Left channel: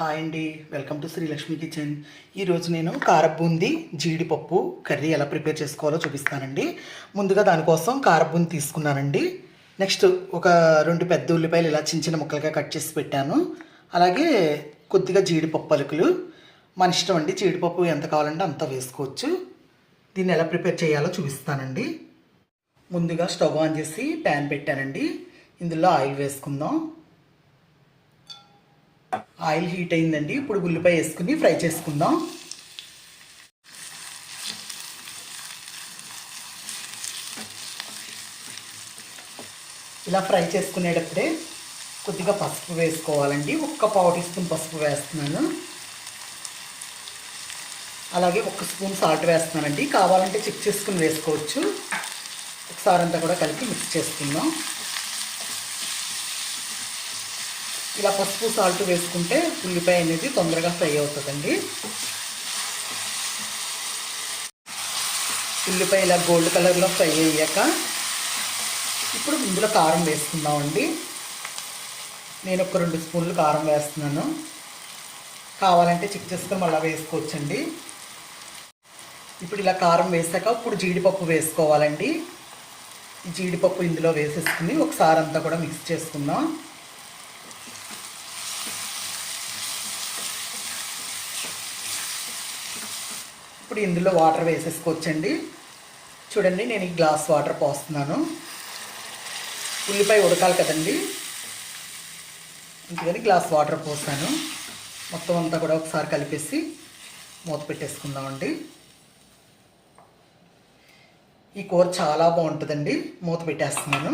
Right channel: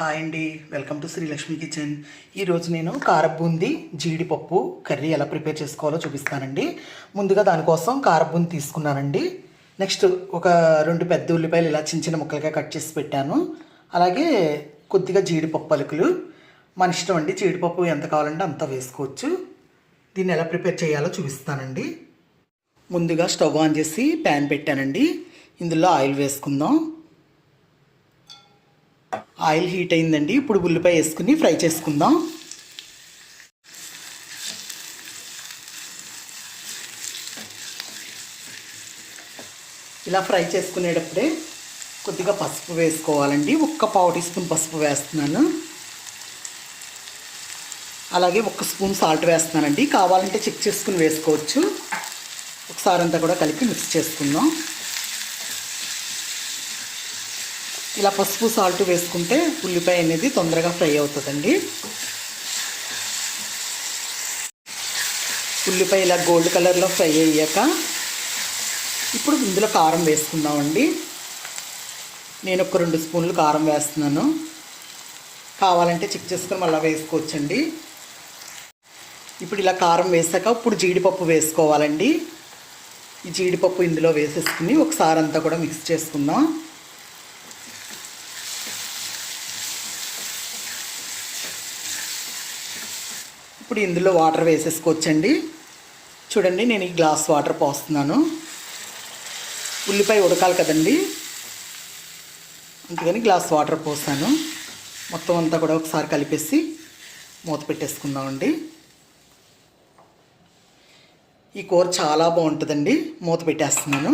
Hi అండి. Welcome to Srilakshmi kitchen ఈరోజు నేను కారబూంది జీడిపప్పు కర్రీ ఎలా ప్రిపేర్ చేసుకోవాలో చూపిస్తానండి. ముందుగా దానికోసం కారబూంది తీసుకున్నానండి. నెక్స్ట్ ఒక రెండు పెద్ద ఉల్లిపాయలు ఇలా చిన్న చిన్న ముక్కలుగా కట్ చేసి పెట్టాను. అలాగే కొద్దిగా జీడిపప్పు పలుకులు మన ఇష్టం అండి జీడిపప్పు ఎంత కావాలంటే అంత వేసుకోవచ్చు. దీన్ని ఎలా ప్రిపేర్ చేయాలో చూపిస్తానండి. ముందుగా స్టవ్ ఆన్ చేసి ప్యాన్ పెట్టానండి. ఇందులో ఆయిల్ వేసుకుందాం. ఆయిల్ హీట్ అయిందండి. ఇప్పుడు ఉల్లిపాయ వేసుకుని ఫ్రై చేసుకుందాం. ఇలా ఫ్రై చేసుకునేటప్పుడే కొద్దిగా పసుపు వేసుకోవాలండి. ఒక్క పావు టీ స్పూన్ పసుపు వేస్తున్నాను. అలాగే ఒక స్పూన్ సాల్ట్ వేస్తున్నానండి. కావాలంటే చెక్ చేసుకుని వేసుకోవచ్చు. ఒకసారి అంతా కూడా కలిపి మిక్స్ చేసుకుందాం. ఇలా పసుపు సాల్ట్ వేసుకుంటే ఉల్లిపాయ అనేది తొందరగా ఫ్రై అవుతుందండి. ఉల్లిపాయ ఇలా గోల్డ్ కలర్లో ఫ్రై అయ్యాక ఇప్పుడు ఇందులో కారం వేసుకుందామండి. నేను ఒక రెండు స్పూన్లు కారం వేస్తున్నాను. కావాలంటే చెక్ చేసుకొని మళ్ళీ వేసుకోవచ్చండి. ఇప్పుడు ఇలా కారం వేసాక ఇప్పుడు జీడిపప్పు వేసుకోవాలండి. ఈ జీడిపప్పు ఇందులో వేసేసుకుని ఒకసారి అంతా కూడా మిక్స్ చేసుకుందాం. ఇప్పుడు ఇందులో వాటర్ వేసేసుకోవచ్చండి. చూడండి నేను ఈ గ్లాస్ వాటర్ పోస్తున్నాను. ఉల్లిపాయ ఉడకాలి కదండి. అందుకని గ్లాస్ వాటర్ పోస్తాను మొత్తం అంతా కూడా ఒకసారి కలిపేసి మూత పెట్టేసుకుందామండి. ఈ కూర చాలా బాగుంటుందండి. మూత పెట్టేస్తున్నాను.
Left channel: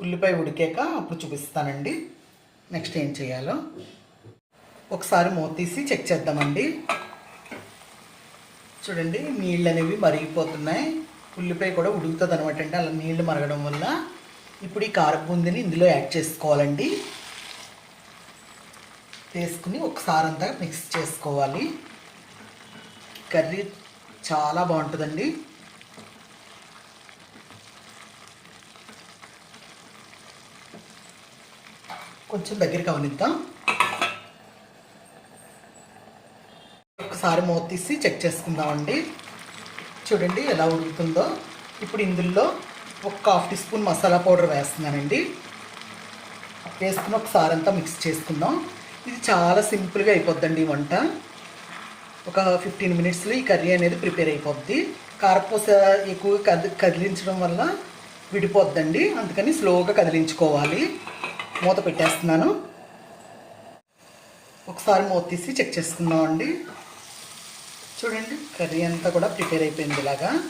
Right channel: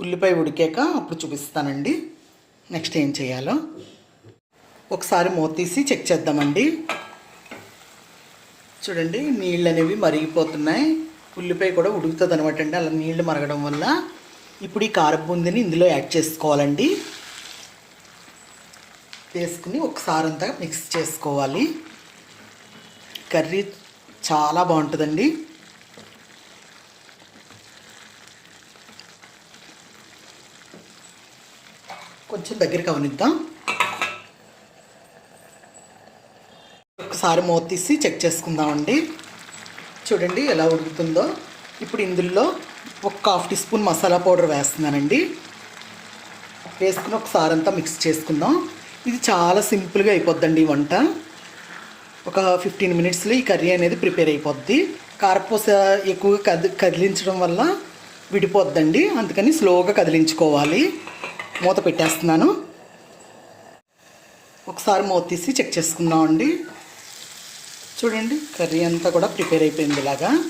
ఉల్లిపాయ ఉడికాక అప్పుడు చూపిస్తానండి. నెక్స్ట్ ఏం చేయాలో. ఒకసారి మూత తీసి చెక్ చేద్దామండి. చూడండి నీళ్ళు అనేవి మరిగిపోతున్నాయి. ఉల్లిపాయ కూడా ఉడుకుతుంది అనమాట అండి. అలా నీళ్ళు మరగడం వల్ల ఇప్పుడు ఈ కారబూందిని ఇందులో యాడ్ చేసుకోవాలండి. వేసుకుని ఒకసారి అంతా మిక్స్ చేసుకోవాలి. కర్రీ చాలా బాగుంటుందండి. కొంచెం దగ్గరికి అవనిద్దాం. ఒకసారి మూత తీసి చెక్ చేసుకుందామండి. చూడండి ఎలా ఉడుకుతుందో. ఇప్పుడు ఇందులో ఒక half tea spoon masala powder వేస్తున్నానండి. వేసుకుని ఒకసారి అంతా మిక్స్ చేసుకుందాం. ఇది చాలా సింపుల్గా అయిపోద్దండి ఈ వంట. ఒక ఫిఫ్టీన్ మినిట్స్లో ఈ కర్రీ అనేది ప్రిపేర్ అయిపోద్ది. కారపూస ఎక్కువగా కది కదిలించడం వల్ల విడిపోద్దండి. అందుకని స్లోగా కదిలించుకోవాలి. మూత పెట్టేస్తున్నాను. ఒకసారి మూత తీసి చెక్ చేసుకుందామండి. చూడండి. కర్రీ అంతా కూడా ప్రిపేర్ అయిపోయింది ఇలాగా.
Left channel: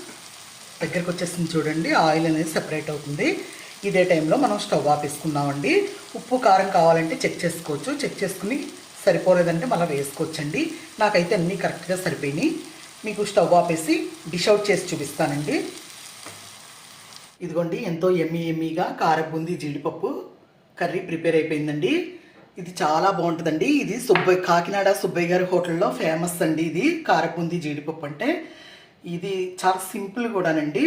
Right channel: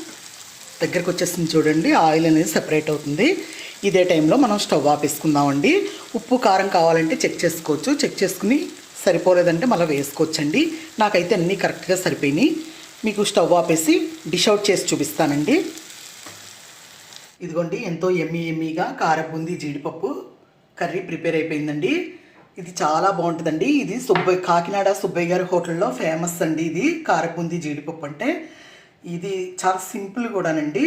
దగ్గరకు వచ్చేసింది చూడండి. ఆయిల్ అనేది సెపరేట్ అవుతుంది. ఇదే టైంలో మనం స్టవ్ ఆపేసుకుందామండి. ఉప్పు కారం కావాలంటే చెక్ చేసుకోవచ్చు. చెక్ చేసుకుని సరిపోలేదంటే మళ్ళీ వేసుకోవచ్చండి. నాకైతే అన్నీ కరెక్ట్గా సరిపోయినాయి. మీకు స్టవ్ ఆపేసి డిష్ అవుట్ చేసి చూపిస్తానండి. ఇదిగోండి ఎంతో ఎమ్మి ఎమ్మిగా కారబుంది జీడిపప్పు కర్రీ ప్రిపేర్ అయిపోయిందండి. ఇది చాలా బాగుంటుందండి. ఇది సుబ్బయ్య కాకినాడ సుబ్బయ్య గారి హోటల్లో ఫేమస్ అండి ఇది. కారపుంది జీడిపప్పు అంటే. ఇది చాలా సింపుల్ కూడానండి.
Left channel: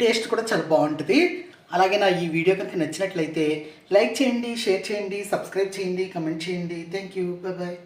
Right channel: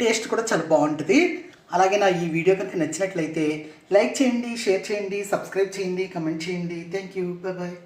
టేస్ట్ కూడా చాలా బాగుంటుంది. అలాగే నా ఈ వీడియో కనుక నచ్చినట్లయితే లైక్ చేయండి షేర్ చేయండి సబ్స్క్రైబ్ చేయండి కమెంట్ చేయండి. Thank you bye.